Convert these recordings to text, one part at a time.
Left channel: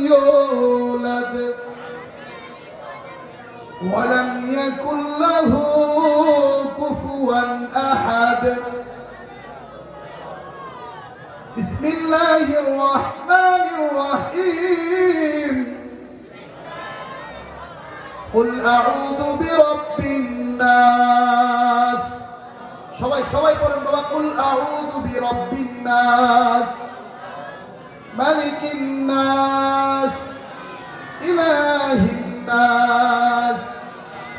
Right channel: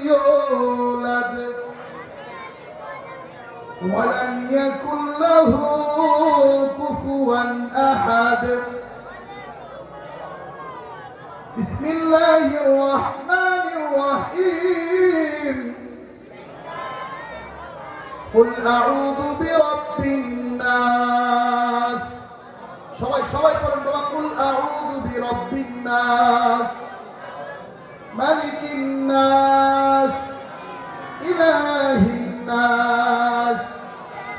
يولد ولم يكن له كفوا أحد بسم الله الرحمن الرحيم قل أعوذ برب الناس সবাই সবাই পড়েন বাবা কুল আউযু বিরাব্বিন নাস মালিকিন নাস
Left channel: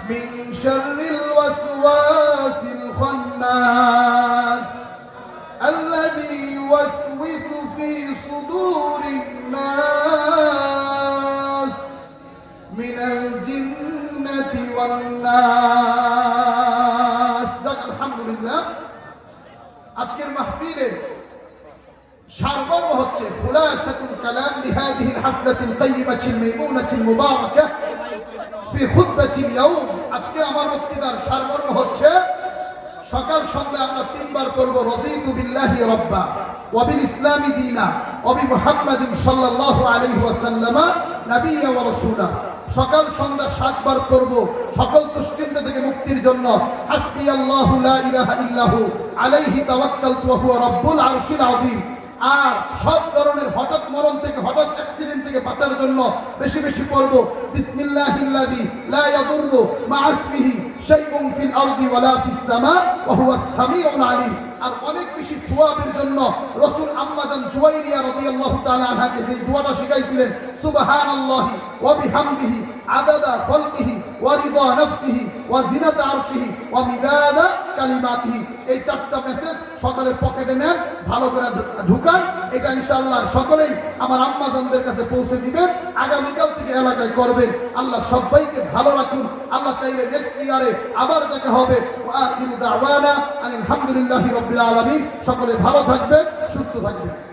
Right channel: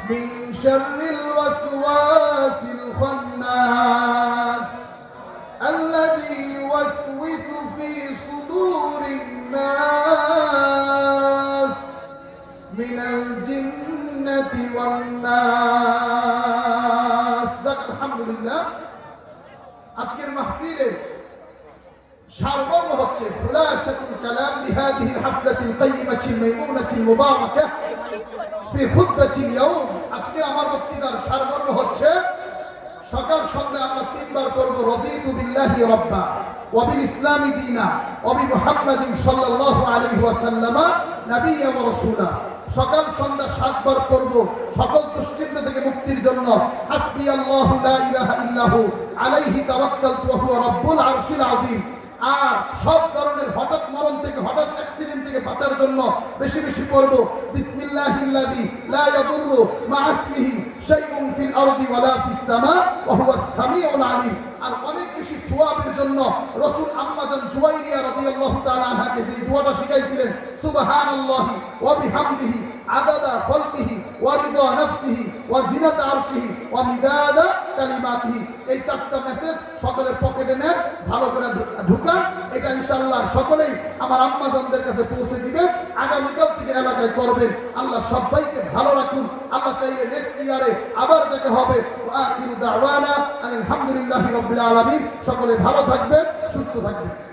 মিন শাররিল ওয়াসওয়াসিল খান্নাস الذي يوسوس في صدور الناس من الجنة والناس যাক আলহামদুলিল্লাহ আজকের মাহফিলে সারমর্ম হচ্ছে খুলাসাতুল কালাম লিহাদিহি الحفلة القيمة الميمونة المباركة في خطبة اليوم আজকে আমার বক্তৃতার সারমর্ম হচ্ছে, সকাল সন্ধ্যা আমরা তিনবার পড়ব রদিতু বিল্লাহি রাব্বা ওয়াবিল ইসলামি দিনা ওয়াবি মুহাম্মাদিন সাল্লাল্লাহু আলাইহি ওয়াসাল্লাম নাবিয়্যা ওয়া সকাল সন্ধ্যা সাতবার পড়ব, সকল দুশ্চিন্তা থেকে মুক্তির জন্য। হাসবি আল্লাহু লা ইলাহা ইল্লাহু, আলাইহি তাওয়াক্কালতু ওয়া হুয়া রাব্বুল আরশিল আযীম। আর সব ধরনের হঠাৎ মরণ থেকে হঠাৎ থেকে বাঁচার জন্য বেশি বেশি পড়ব। বিসমিল্লাহিল্লাযী লা ইয়াদুররু মা ইসমিহি শাইউন ফিল আরদি ওয়ালা ফিস সামা ওয়া হুয়াস সামিউল আলীম। আর অনেক বেশি সোয়াবের জন্য রাসূল আম্মাজান জুয়াইরিয়া রাদিয়াল্লাহু তাআলা আনহাকে যে দোয়াটা শিখাইছিলেন, সুবহানাল্লাহি ওয়া বিহামদিহি, আদাদা খালকিহি ওয়া রিদা নাফসিহি ওয়া জিনাতা আরশিহি ওয়া মিদাদা কালিমাতিহি। এই চারটা মেসেজ সকলে পকেটে নেন, ভালো করে ঢুকান, এটা ইনশাআল্লাহ সকলেই আমার আম্মাজানদের কাছে পৌঁছে দিবেন আগামীকাল থেকে এলাকায় করবেন। আল্লাহ সবাইকে ভালো রাখুন, আল্লাহ চাইলে নেক্সট ইয়ারে আবার দেখা হবে। আলহামদুলিল্লাহি রাব্বিল আলামিন। সকলে ভালো থাকবে সুস্থ থাকবেন।